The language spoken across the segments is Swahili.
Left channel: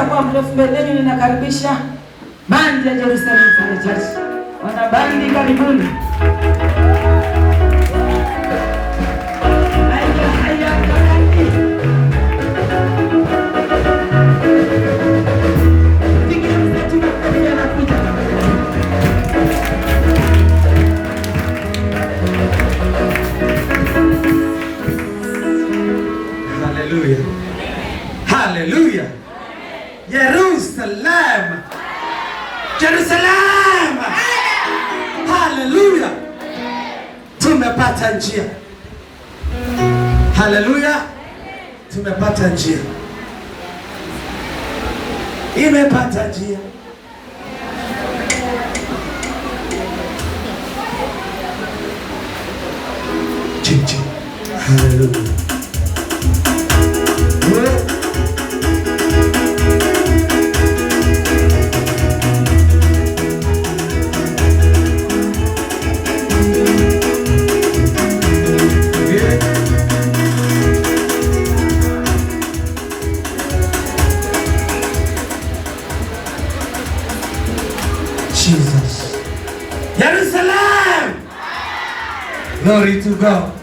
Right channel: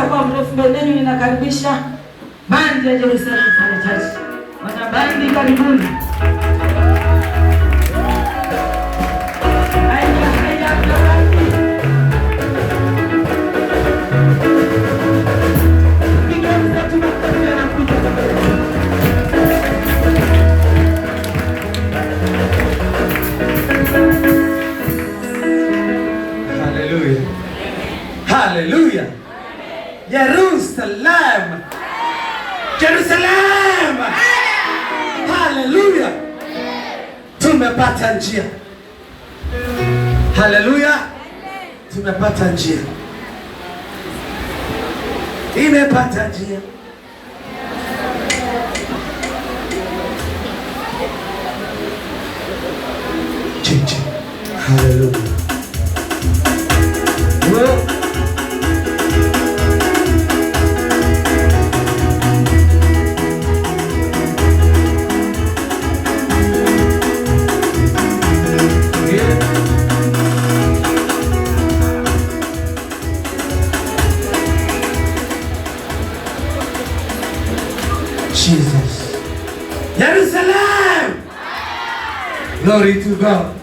sitakuwa mrefu mbeleni, ninakaribisha bandi ya Jerusalem Church. Wana bandi, karibuni. Hallelujah. Hallelujah. Jerusalem. Jerusalem. Hallelujah. Tumepata njia. Hallelujah. Tumepata njia. Imepata njia. Chichi. Hallelujah. Jesus. Jerusalem. Glory to God.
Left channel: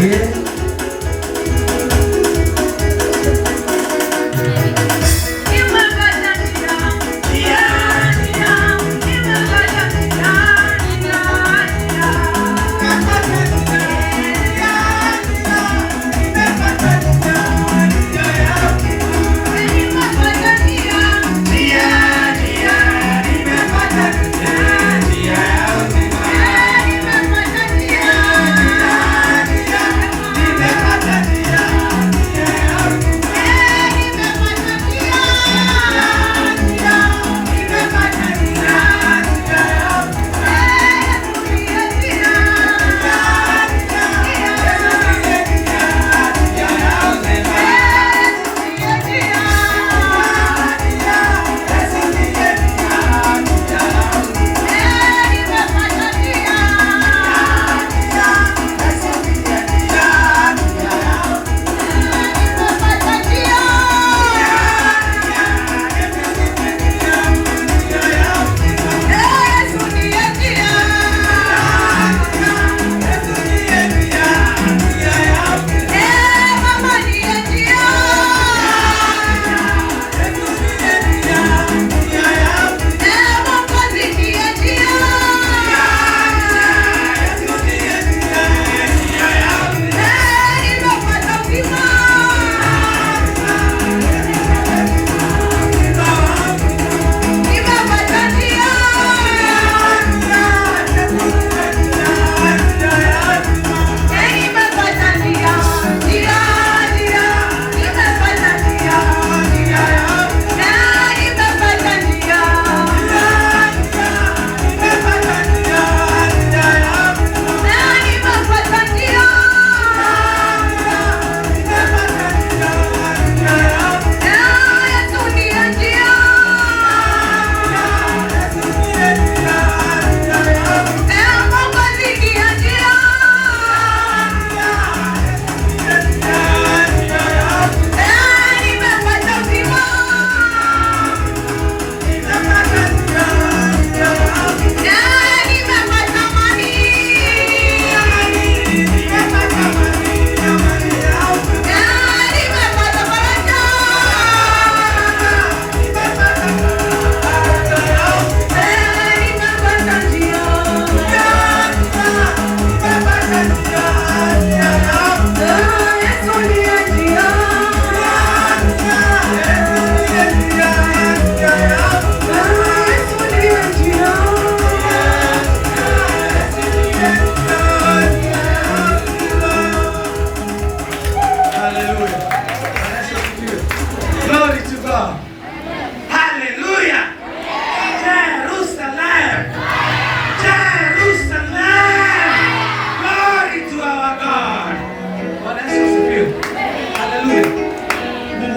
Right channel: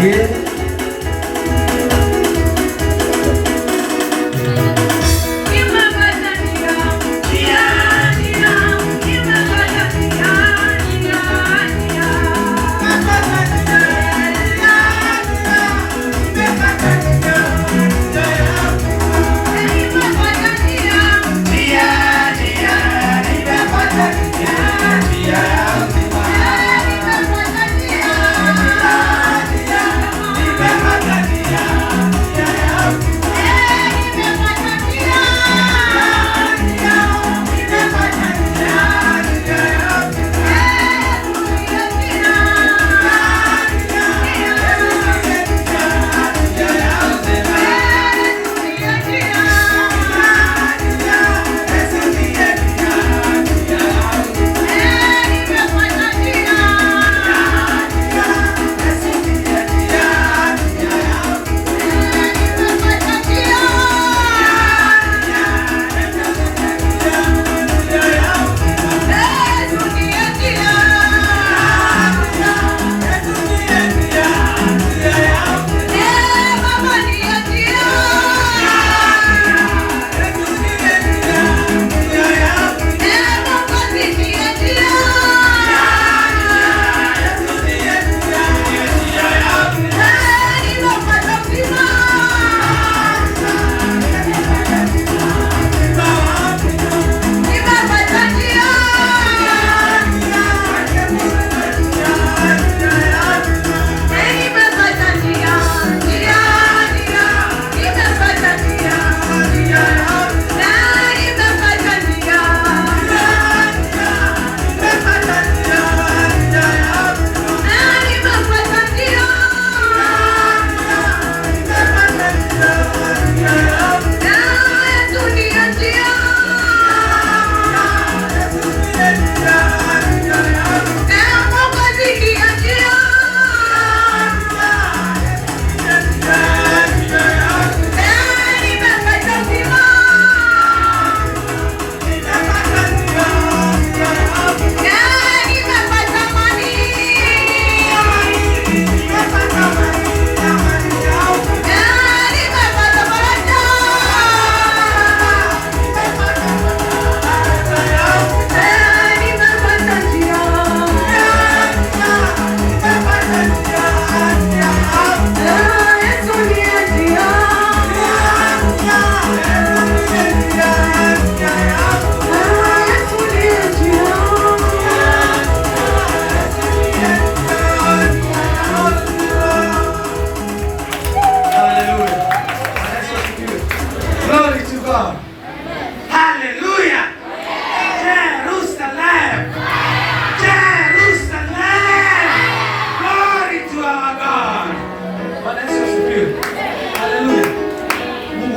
Yeah.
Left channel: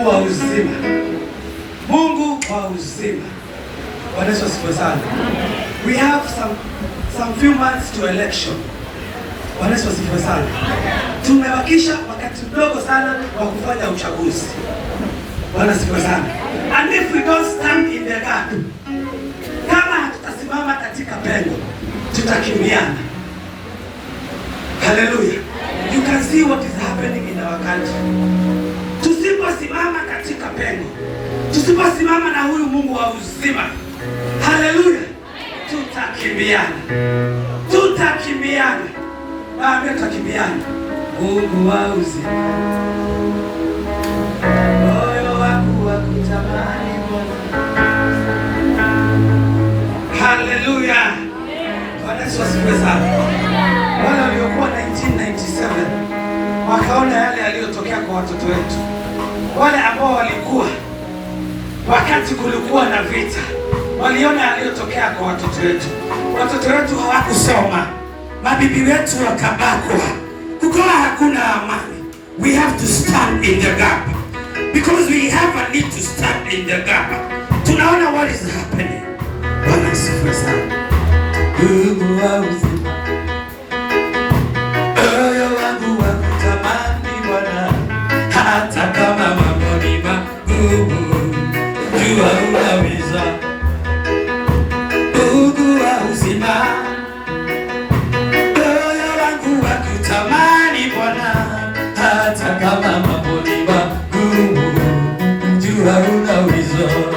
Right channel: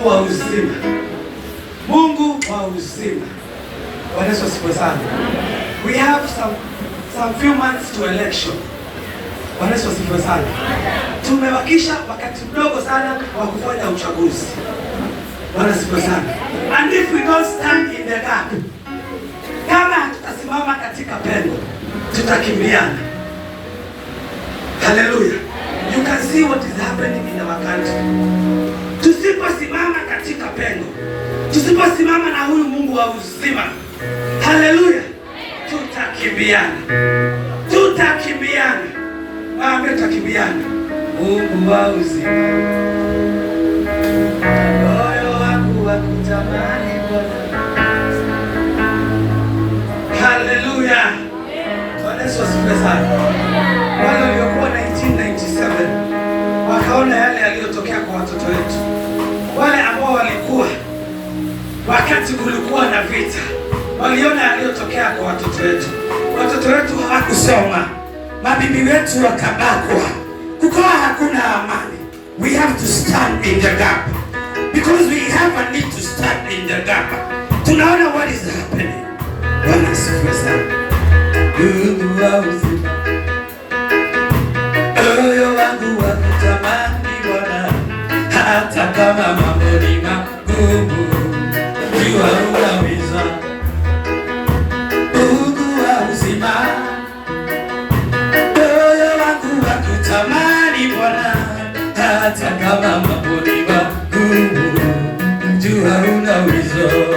wa uzima. Mungu wa uzima. Bwana Yesu asifiwe sana. We have some few months to election. Bwana Yesu asifiwe sana. tumebakisha wakati mdogo sana wa kufanya uchaguzi. Bwana sifa sana. And if we don't stand in the gap, kama hatutasimama katika pengo, tutakimbiana. Hallelujah. You can see what is happening in our country. Tusiposimama katika pengo, tusiposimama na huyu Mungu wa uzima, hallelujah, tutakimbiana. Tutakimbiana. Baba, tutakimbiana. Mungu wa uzima, moyo wangu wakutamani Bwana. Hallelujah. Bwana Yesu asifiwe sana. Wale waliokuwa 1997 wakaona yale yaliyotokea kwa watoto wetu, wale ambao walikuwa wakati kulikuwa na vita, waliona yaliyotokea kwa watoto wetu. Watoto wetu hawakusoma, mabibi wetu wakabakwa, kukawa hakuna amani. We have to stand in the gap because we have a need to stand in the gap. Tunaona what is happening. Bwana asifiwe sana. Mungu wa uzima, moyo wangu wakutamani Bwana, hata kama mambo ni magumu, jua unaweza. Mungu wa uzima, moyo wangu wakutamani Bwana, hata kama mambo ni magumu, jua unaweza.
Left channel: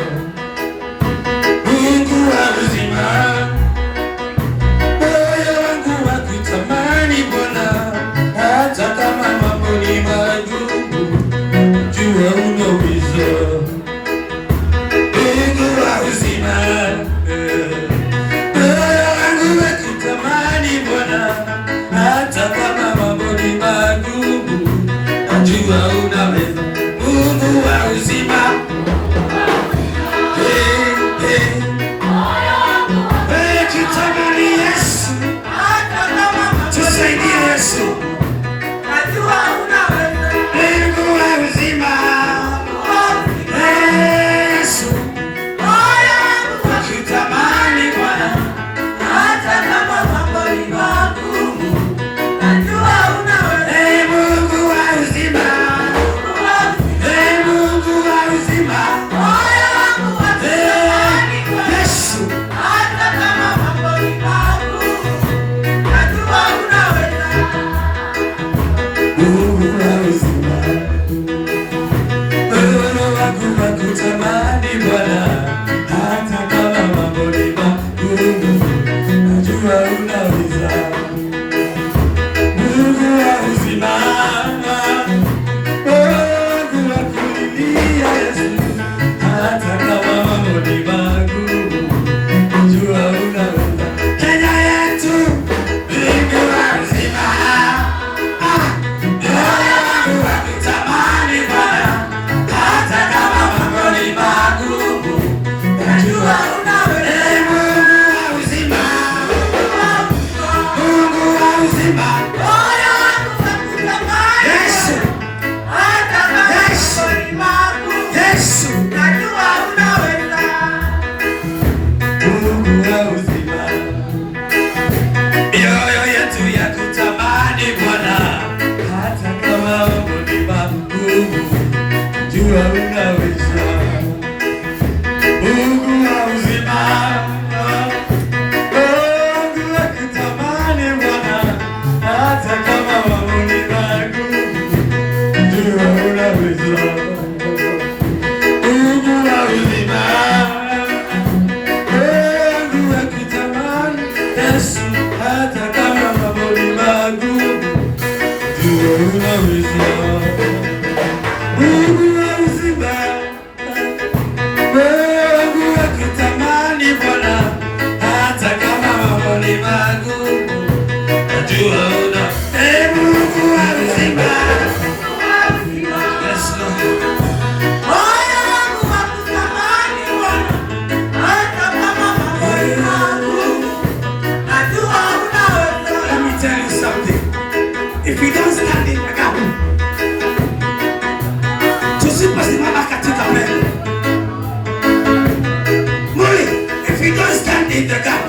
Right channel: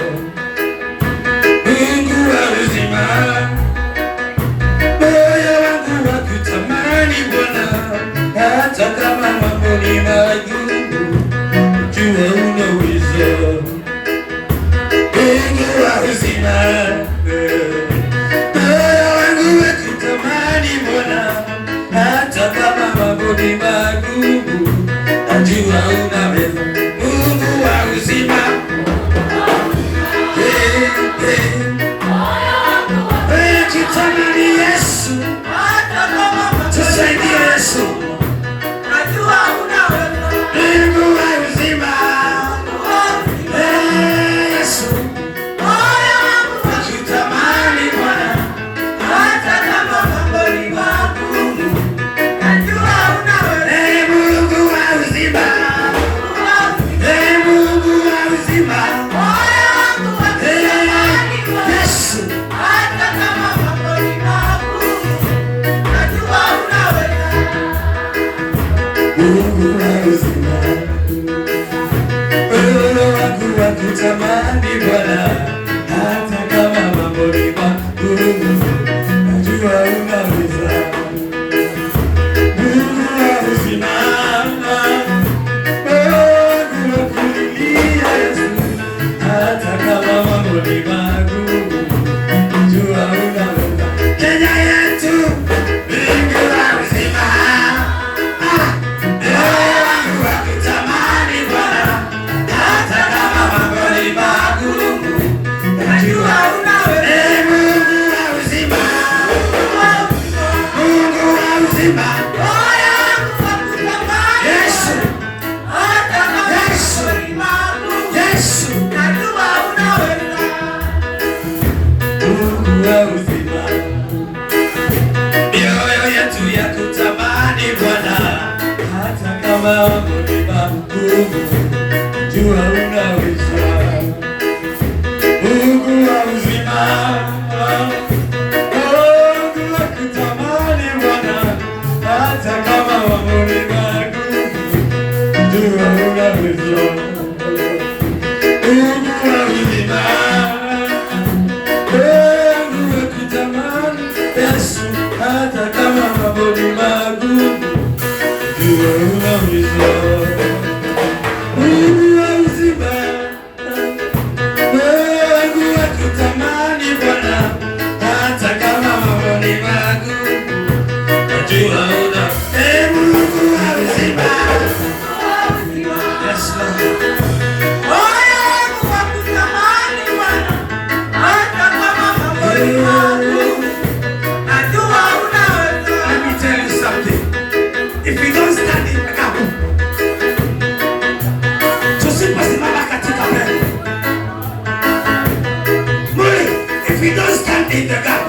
In the gap,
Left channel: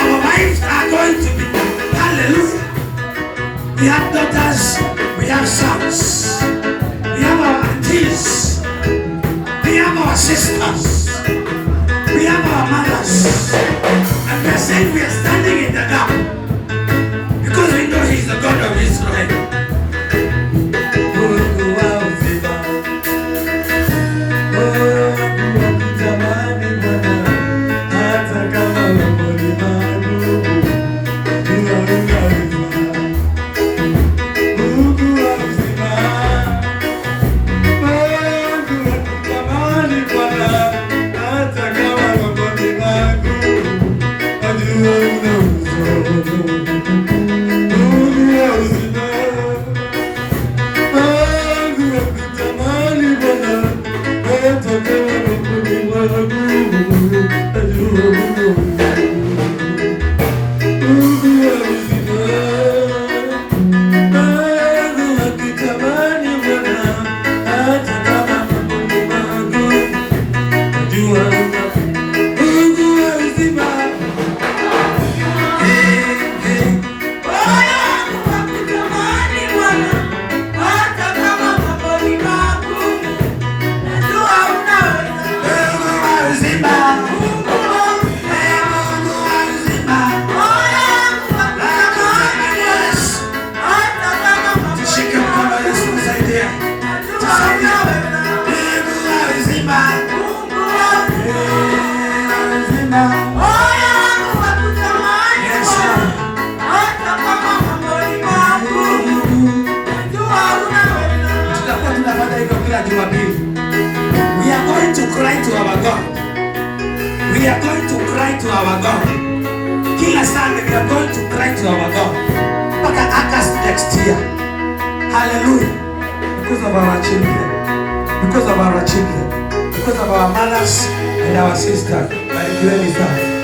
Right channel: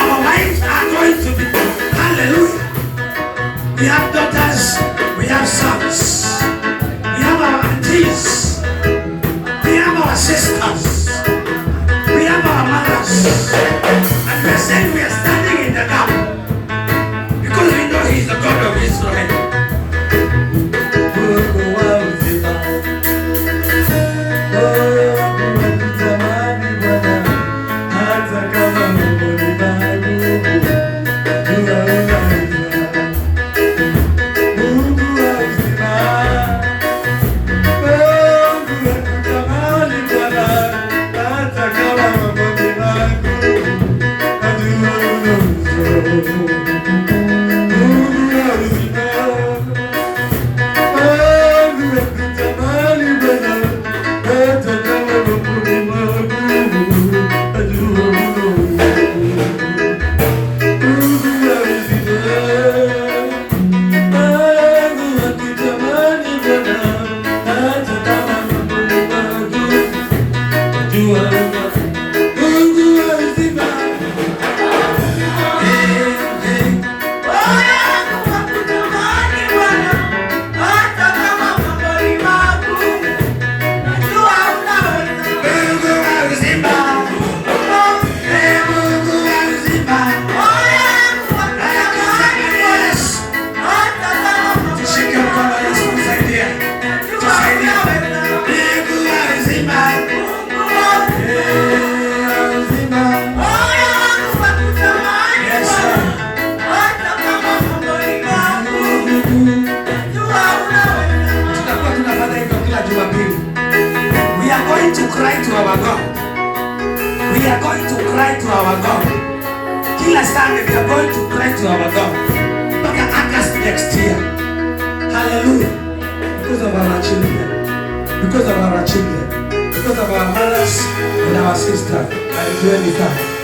our wives are going to be, hallelujah. We have daughters cry to our God. We are going to cry to our God. Kila Sunday we are going to cry to our God. Mpaka August next year. Hallelujah. Because of our children. Because of our children. Because of our mothers and our sisters. Hallelujah.